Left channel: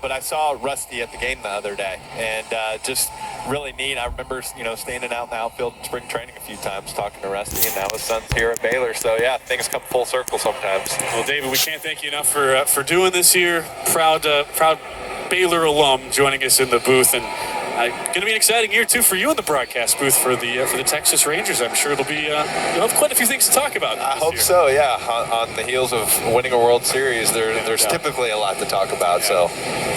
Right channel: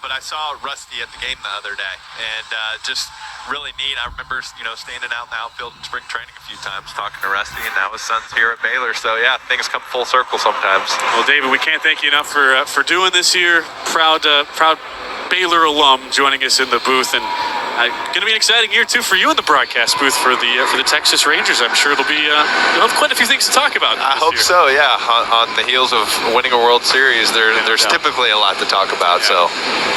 but I saw Rusty at the game the other day, and just really neat. I remember, standing out in the outfield in spring training a few times talking to Rusty, and now his son's here at Baylor. So, yeah, things come full circle sometimes. Well, David, we can't thank you enough for doing this here. Proud Baylor alum joining us in the booth, and going to be an exciting year too for you in the broadcast booth for the Texas Rangers. I'm sure you'll have quite a few things to talk about. I hope so. Yeah, on the heels of winning a World Series, there's typically a lot to talk about. Yeah. So,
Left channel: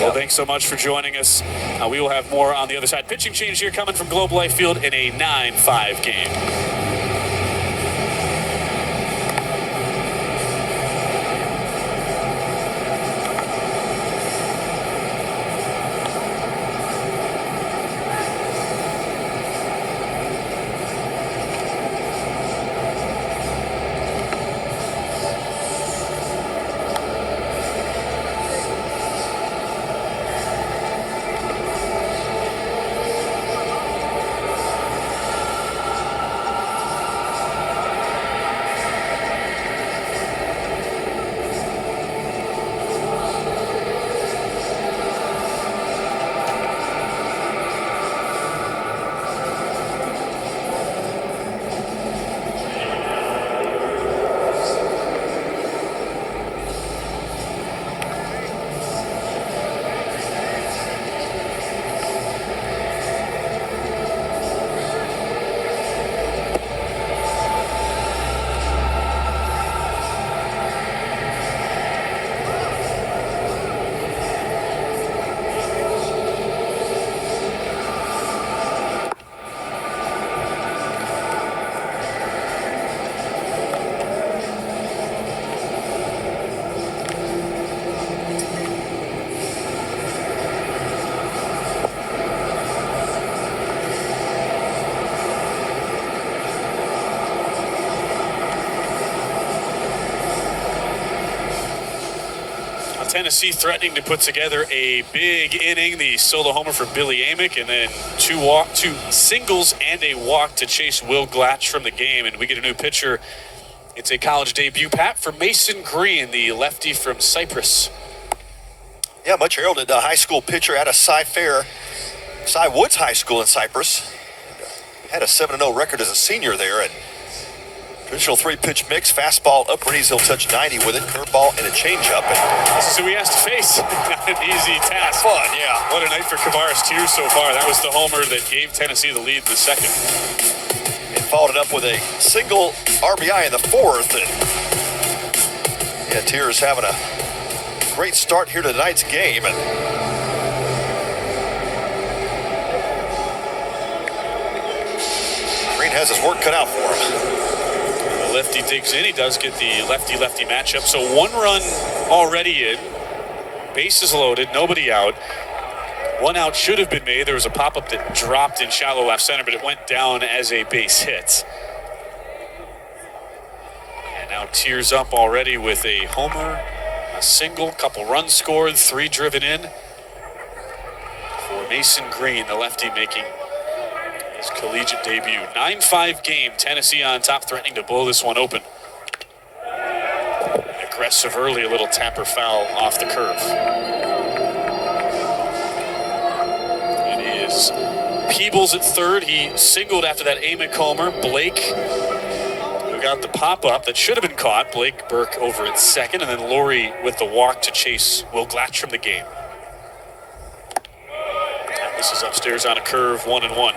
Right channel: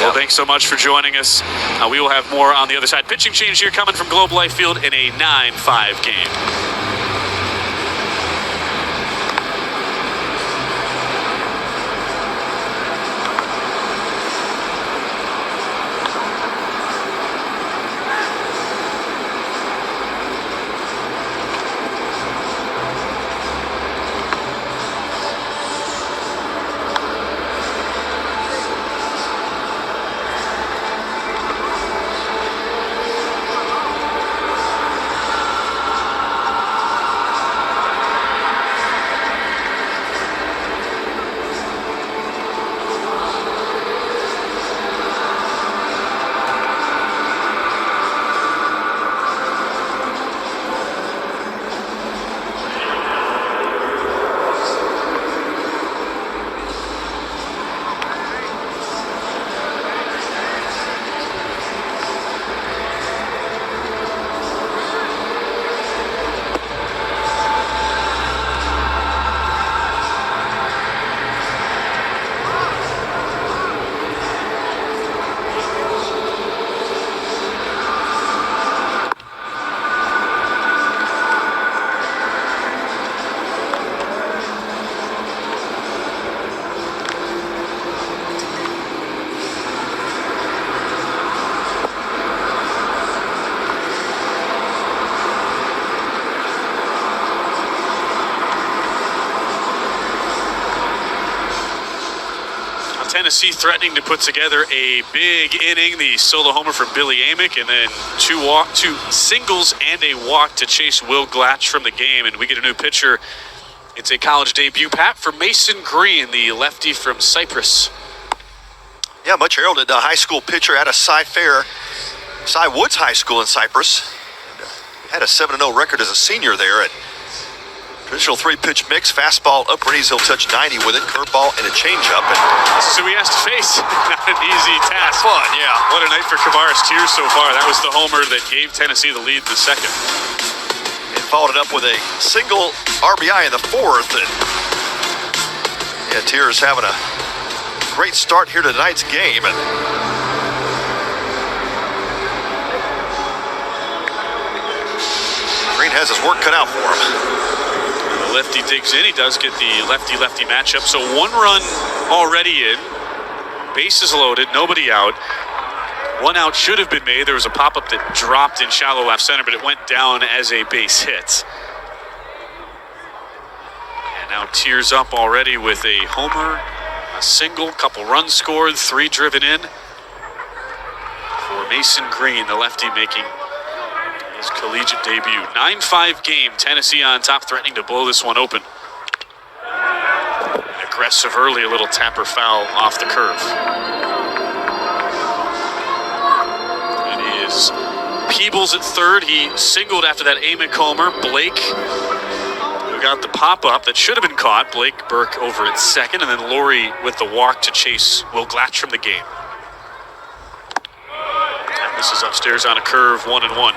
well, thanks so much for joining us. We will have more on the other side. Pitching change here coming from Globe Life Field in a 9-5 game. Tennessee threatening to put together a big inning, the solo homer for Billy Amick, and then two singles and a walk to chase Will Glatch from the game. And we get a new pitcher. It's a college debut, Pat, for Mason Green, the lefty from Cypress. Yeah, much heralded high school pitcher out of Cy Woods High School in Cypress. Had a 7-0 record as a senior there. And traditional 3-pitch mix, fastball, upperdies, he'll touch 90 with it, curveball, and a changeup. This is who he has to face. Not an easy task. Fun, yeah. What a night for Kavaris Tears so far. That was the homer that gave Tennessee the lead in the second. And followed it up with a single RBI in the fourth. And yeah, Tears having a great start here to tonight's game. And Green has his work cut out for him. The lefty digs in. He does get the lefty-lefty matchup. So 1 run already in. Bases loaded. Nobody out. 1 out should have been made. There was a pop-up that dropped in shallow left center, but it went down as a base hit. And now Tears up already with a homer, a single, couple runs scored, 3 driven in for Mason Green, the lefty, making his collegiate debut. 9-5 game, Tennessee on top, threatening to blow this one open. Aggressive early, a little tapper foul off the curve. It is Peebles at third. He singled after that Amick homer. Blake, who got the pop-up that should have been caught. Blake Burke over at second, and then Laurie with the walk to chase Will Glatch from the game. And this is upstairs on a curve, 1-1.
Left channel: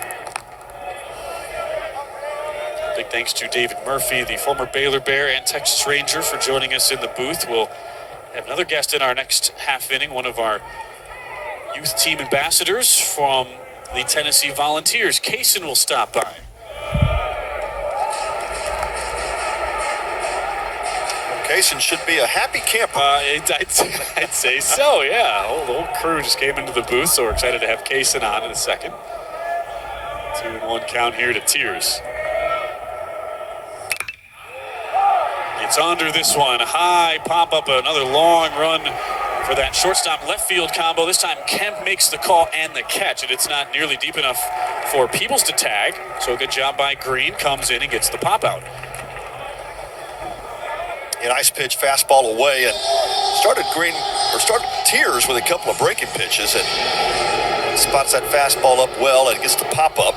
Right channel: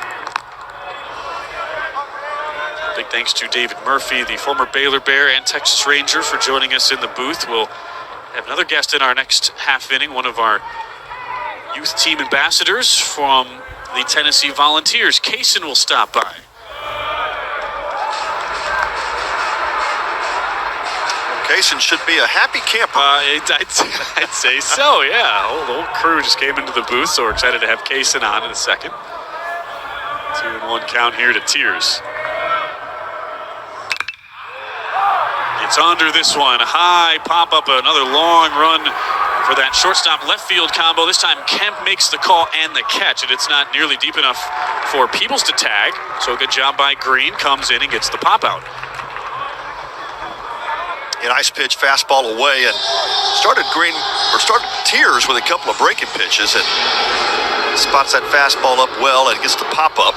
Big thanks to David Murphy, the former Baylor Bear and Texas Ranger, for joining us in the booth. We'll have another guest in our next half inning, one of our youth team ambassadors from the Tennessee Volunteers. Kaysen will stop by. Kaysen should be a happy camper. I'd say so, yeah. The whole crew just came into the booth, so we're excited to have Kaysen on in a second. 2-1 count here to Tears. It's under this one. High pop-up, another long run for that shortstop left field combo. This time Kemp makes the call and the catch, and it's not nearly deep enough for Peebles to tag. So a good job by Green, comes in and gets the pop out. A nice pitch, fastball away, and started Tears with a couple of breaking pitches, and spots that fastball up well and gets the pop up.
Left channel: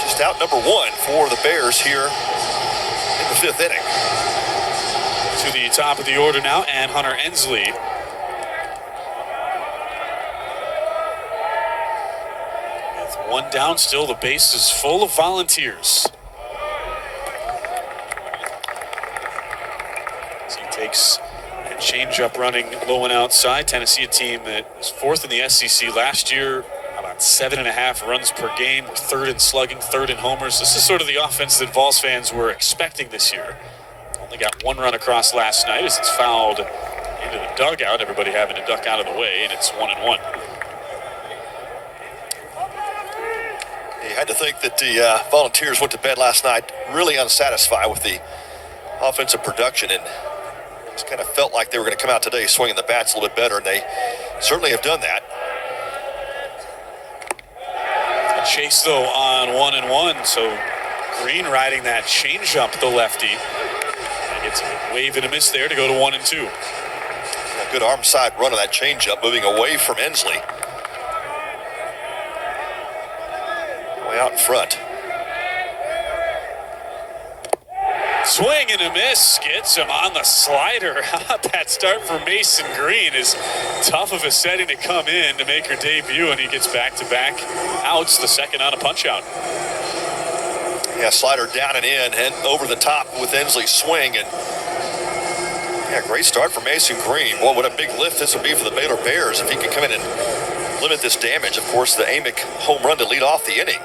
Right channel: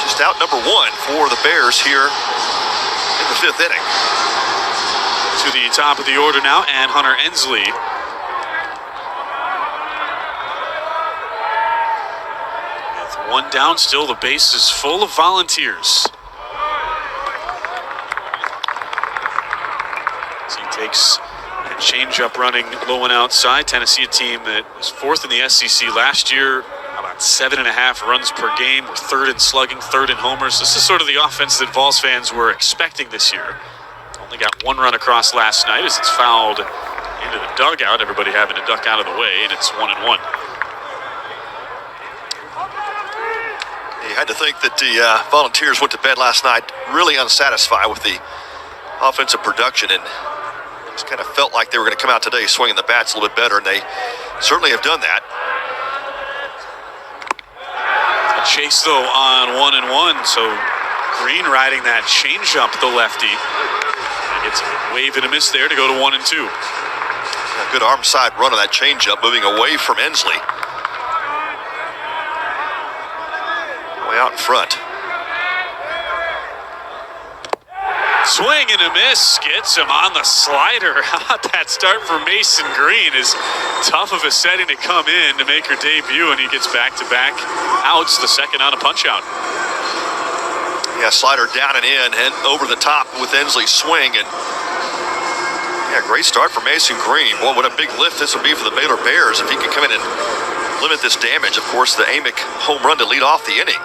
Just out number 1 for the Bears here in the 5th inning. To the top of the order now, and Hunter Ensley. With 1 down, still the base is full of Volunteers. As he takes a changeup running low and outside. Tennessee, a team that was 4th in the SEC last year, about 7.5 runs per game. We're 3rd in slugging, 3rd in homers. This is sort of the offense that Vols fans were expecting this year. Only got 1 run across last night as it's fouled into the dugout. Everybody having to duck out of the way, and it's 1-1. You had to think that the Volunteers went to bed last night really unsatisfied with the offensive production, and just kind of felt like they were going to come out today swinging the bats a little bit better, and they certainly have done that. A chase, though, on 1-1, so Green riding that changeup, the lefty. Gets a wave and a miss there to go to 1-2. A good arm side run on that changeup, moving away from Ensley. Way out in front. Swing and a miss, gets him on the slider. How about that start for Mason Green? Is tough of a setting to come in to make her debut, and he gets back-to-back outs, the second on a punch-out. Yeah, slider down and in and over the top with Ensley's swing. And yeah, great start for Mason Green. Boy, what a big lift this will be for the Baylor Bears if he can come in and limit this damage. Of course, the Amick home run to lead off the inning.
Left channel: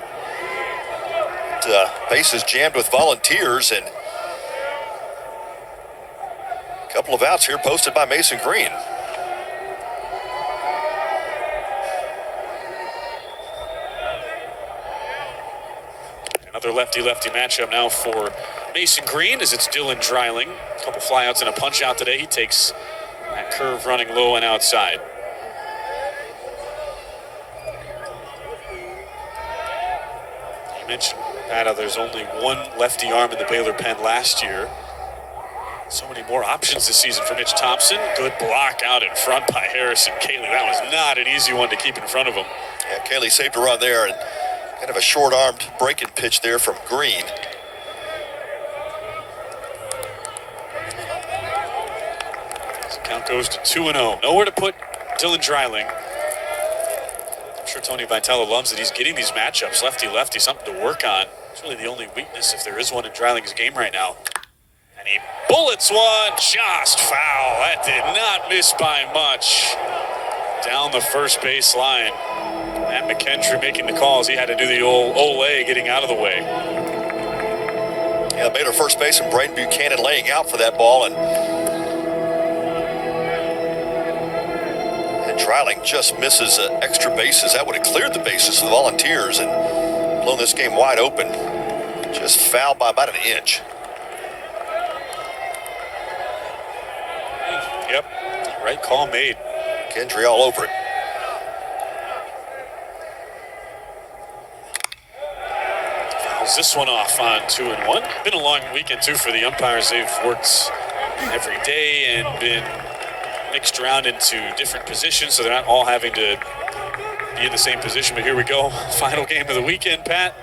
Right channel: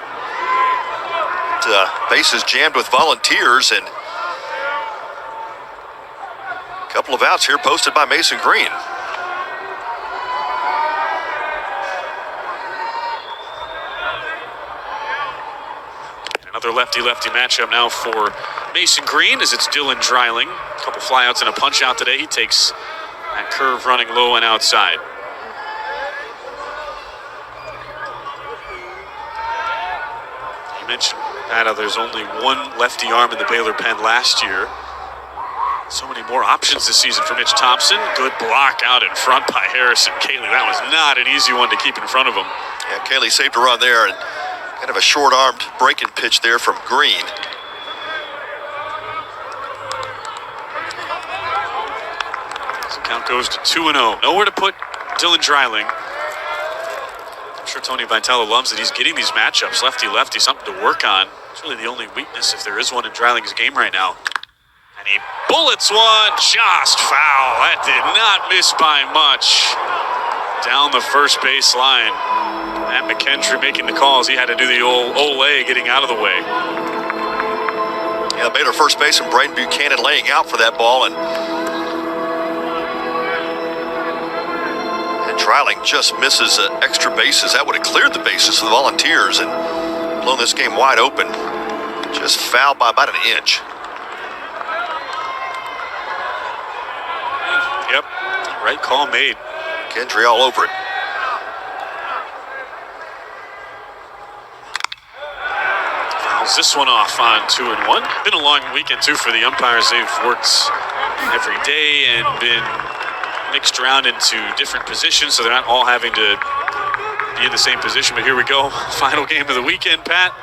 Bases jammed with Volunteers, and a couple of outs here posted by Mason Green. Another lefty-lefty matchup now for Mason Green as it's Dylan Dreiling. A couple flyouts and a punch-out today. He takes that curve running low and outside. You mentioned, Pat, there's only 1 lefty arm in the Baylor pen last year. So many more options this season for Mitch Thompson. Good block out in front by Harrison Cayley. That was not an easy one to keep in front of him. Yeah, Cayley saved a run there, and kind of a short-armed breaking pitch there from Green. So count goes to 2-0. Nowhere to put Dylan Dreiling. I'm sure Tony Vitale loves that he's getting these matchups, lefty-lefty, something to work on. It's really the only weakness, if there is one, in Dreiling's game right now. And he bullets one, just foul. That did not miss by much. Down the first base line. Matt McKendry making the calls. He had to do the old Olay getting out of the way. Yeah, Baylor first baseman Braden Buchanan laying out for that ball, and Dreiling just misses extra bases. That would have cleared the bases for the Volunteers and blown this game wide open. Just fouled by about an inch. Yep, right call made. Kendry all over it. Fouls this one off on 2-1. Been a long weekend too for the umpires. They've worked every day and been mixed around into different positions, so they're not all having to be in the same position. But here we go, final game of the weekend, Pat.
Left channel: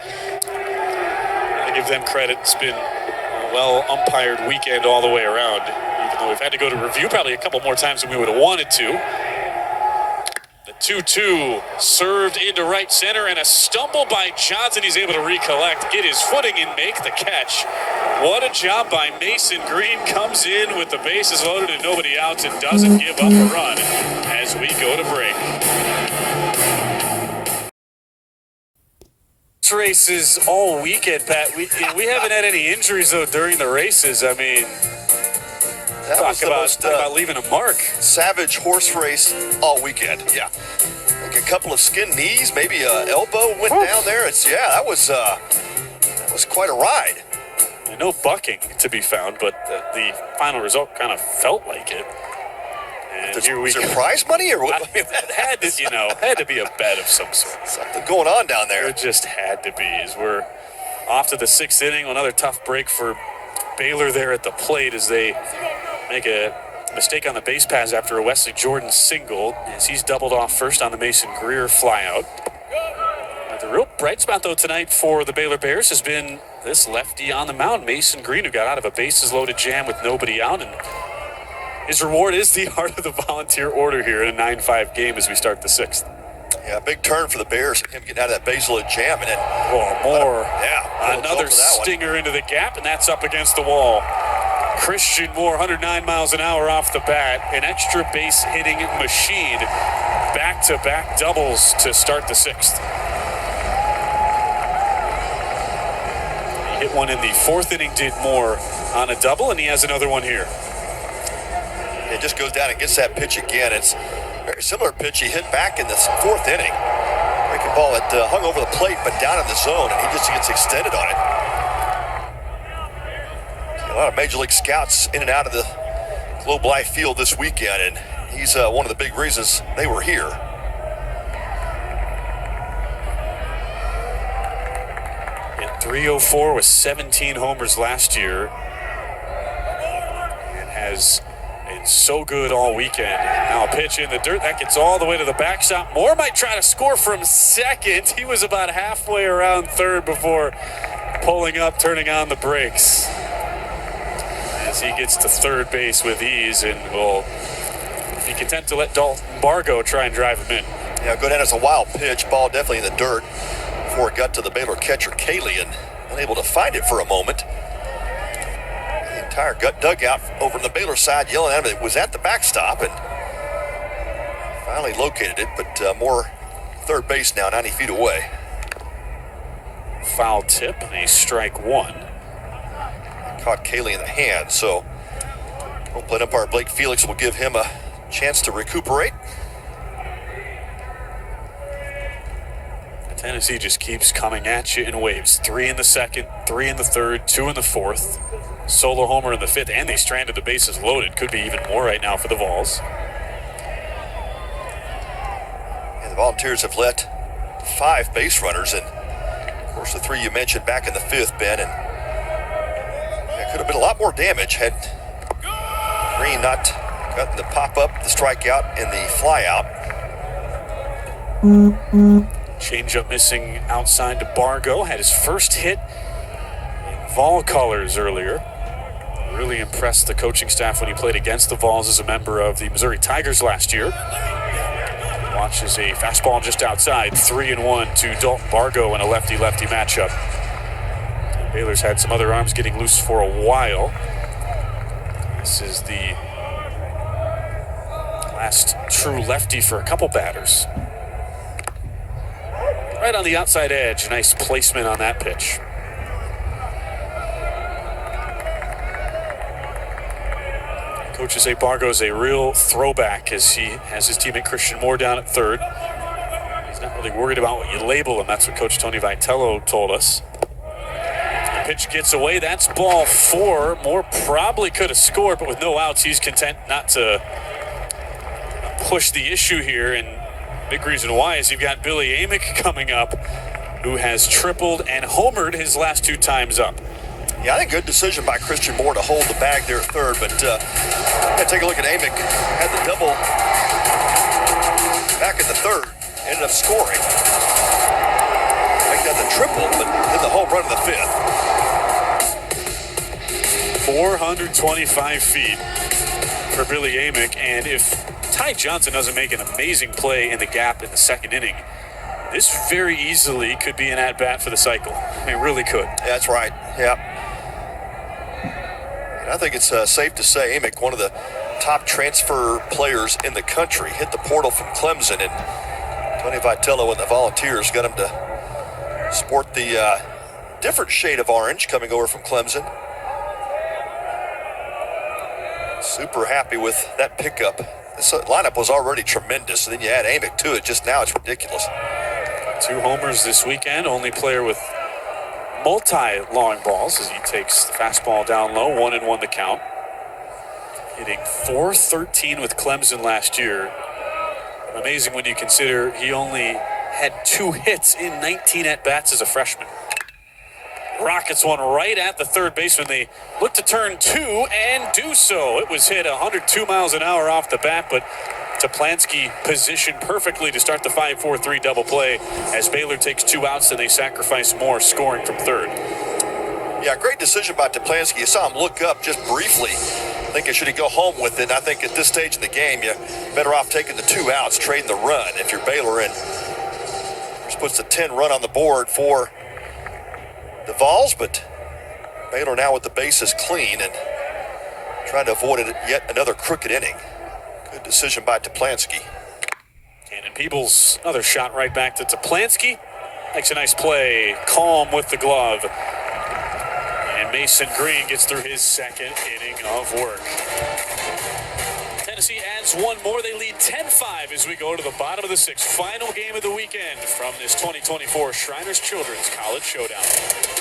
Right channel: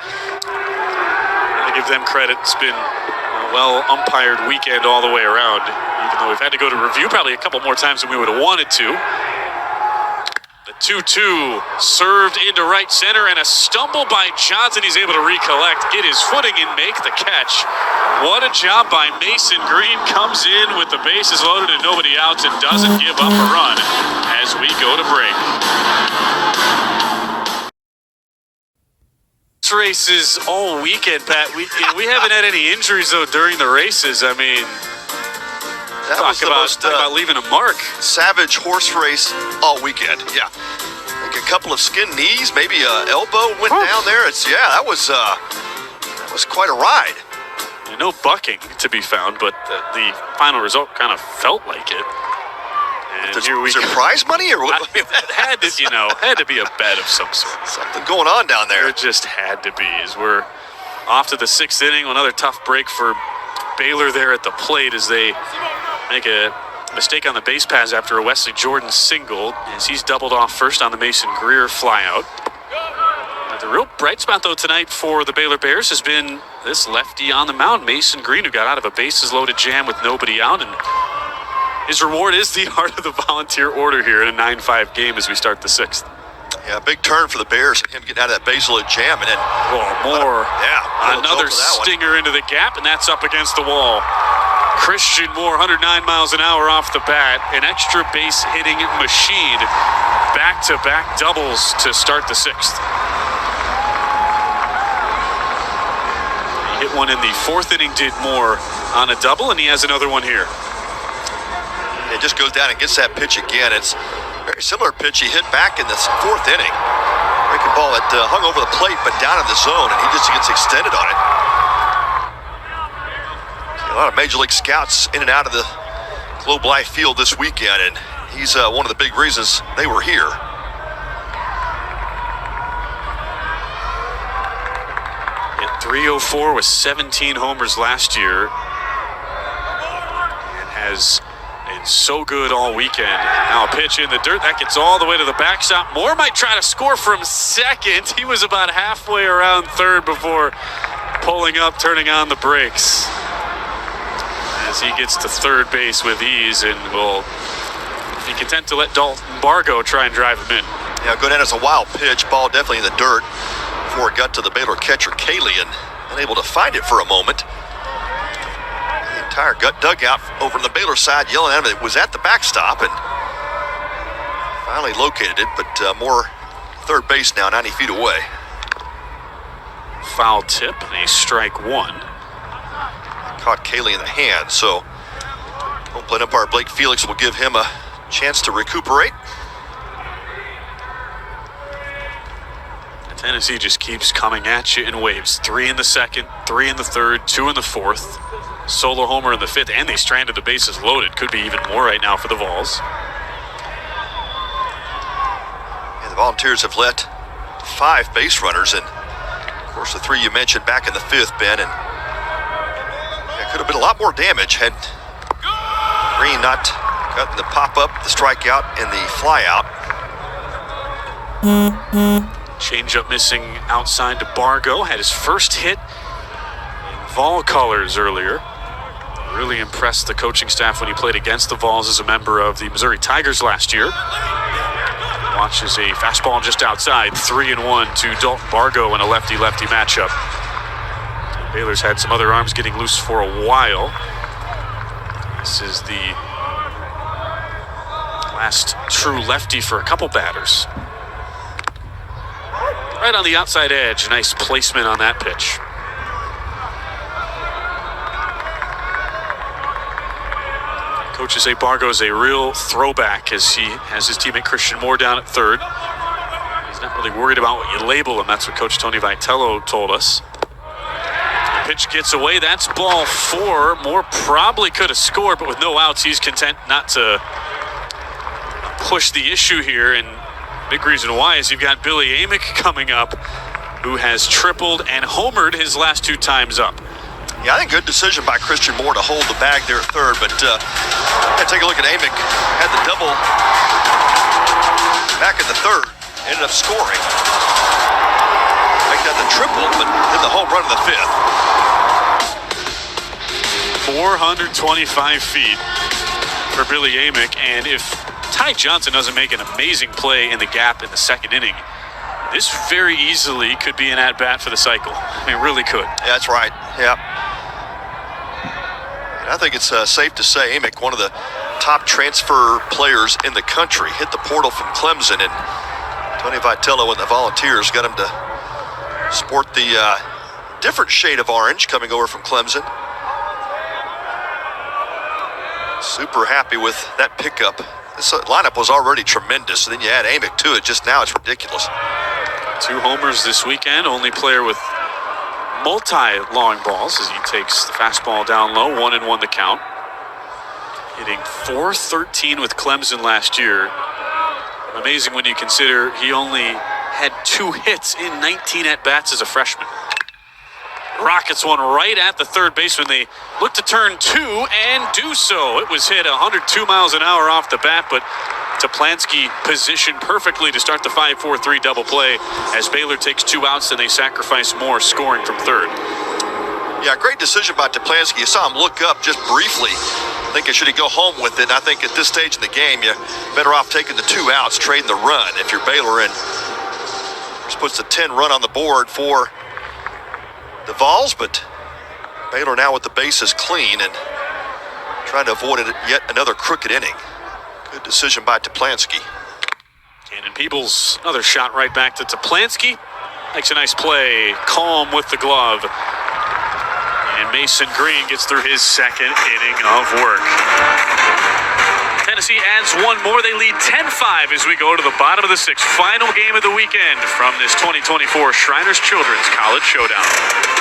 I give them credit. It's been a well umpired weekend all the way around, even though we've had to go to review probably a couple more times than we would have wanted to. The 2-2 served into right center, and a stumble by Johnson. He's able to recollect, get his footing, and make the catch. What a job by Mason Green. Comes in with the bases loaded and nobody outs and doesn't give up a run as we go to break. Races all weekend, Pat. We haven't had any injuries though during the races. I mean, talk about leaving a mark. Savage horse race all weekend. Yeah, like a couple of skinned knees, maybe a elbow went down there. That was quite a ride. No bucking to be found, but the final result kind of felt like it. And here we go. Prize money or what? It had to be a bet of some sort. Something going on down there. It just had to be. As we're off to the 6th inning, another tough break for Baylor there at the plate as they make a mistake on the base paths after a Wesley Jordan single, as he's doubled off first on the Mason Greer flyout. The real bright spot, though, tonight for the Baylor Bears has been this lefty on the mound, Mason Green, who got out of a bases-loaded jam with nobody out, and his reward is the Heart of the Volunteer Order here in a 9-5 game as we start the 6th. Yeah, big turn for the Bears, him getting out of that base-loaded jam, and then another stinger into the gap, and that's up against the wall. Christian Moore, 109 miles an hour off the bat, an extra base hitting machine. Back-to-back doubles to start the 6th. Hit one in the 4th inning, did Moore on a double, and he has another one here. It just goes down and gets that pitch again. It's a very similar pitch he hit back in the 4th inning. Breaking ball that hung over the plate, but down in the zone, and he just gets extended on it. A lot of Major League scouts in and out of the Globe Life Field this weekend, and he's one of the big reasons they were here. Hit .304 with 17 homers last year, and has been so good all weekend. Now a pitch in the dirt that gets all the way to the backstop. Moore might try to score from second. He was about halfway around third before pulling up, turning on the brakes, as he gets to third base with ease and will be content to let Dalton Bargo try and drive him in. Yeah, go down as a wild pitch, ball definitely in the dirt before it got to the Baylor catcher, Cayley, and unable to find it for a moment. The entire gut dugout over on the Baylor side yelling at him. It was at the backstop and finally located it, but more third base now, 90 feet away. Foul tip and a strike one. Caught Cayley in the hand, so home plate umpire Blake Felix will give him a chance to recuperate. Tennessee just keeps coming at you in waves. 3 in the 2nd, 3 in the 3rd, 2 in the 4th. Solo homer in the 5th, and they stranded the bases loaded. Could be even more right now for the Vols. And the Volunteers have let 5 base runners, and of course the 3 you mentioned back in the 5th, Ben, and it could have been a lot more damage had Green not gotten the pop-up, the strikeout, and the fly-out. Changeup missing outside to Bargo. Had his first hit in Vol colors earlier. Really impressed the coaching staff when he played against the Vols as a member of the Missouri Tigers last year. Watches a fastball just outside. 3-1 to Dalton Bargo in a lefty-lefty matchup. Baylor's had some other arms getting loose for a while. This is the last true lefty for a couple batters. Right on the outside edge. Nice placement on that pitch. Coaches say Bargo's a real throwback as he has his teammate Christian Moore down at third. He's not really worried about what you label him. That's what Coach Tony Vitello told us. The pitch gets away. That's ball 4. Moore probably could have scored, but with no outs, he's content not to push the issue here. And big reason why is you've got Billy Amick coming up, who has tripled and homered his last 2 times up. Yeah, I think good decision by Christian Moore to hold the bag there at third, but take a look at Amick. Had the double back in the 3rd, ended up scoring. Make that the triple, but hit the home run in the 5th. 425 feet for Billy Amick, and if Ty Johnson doesn't make an amazing play in the gap in the 2nd inning, this very easily could be an at-bat for the cycle. I mean, really could. Yeah, that's right. Yeah. And I think it's safe to say Amick, one of the top transfer players in the country, hit the portal from Clemson, and Tony Vitello and the Volunteers got him to sport the different shade of orange coming over from Clemson. Super happy with that pickup. This lineup was already tremendous, and then you add Amick to it. Just now, it's ridiculous. 2 homers this weekend. Only player with multi-long balls as he takes the fastball down low. 1-1 the count. Hitting .413 with Clemson last year. Amazing when you consider he only had 2 hits in 19 at-bats as a freshman. rockets one right at the third baseman. They look to turn two and do so. It was hit 102 miles an hour off the bat, but Toplansky positioned perfectly to start the 5-4-3 double play as Baylor takes 2 outs and they sacrifice more, scoring from third. Yeah, great decision by Toplansky. You saw him look up just briefly, thinking should he go home with it. And I think at this stage in the game, you're better off taking the 2 outs, trading the run if you're Baylor, and just puts the 10 run on the board for the Vols. But Baylor now with the bases clean and trying to avoid it yet another crooked inning. Good decision by Toplansky. Cannon Peebles, another shot right back to Toplansky. Makes a nice play, calm with the glove. And Mason Green gets through his second inning of work. Tennessee adds one more. They lead 10-5 as we go to the bottom of the 6th. Final game of the weekend from this 2024 Shriners Children's College Showdown.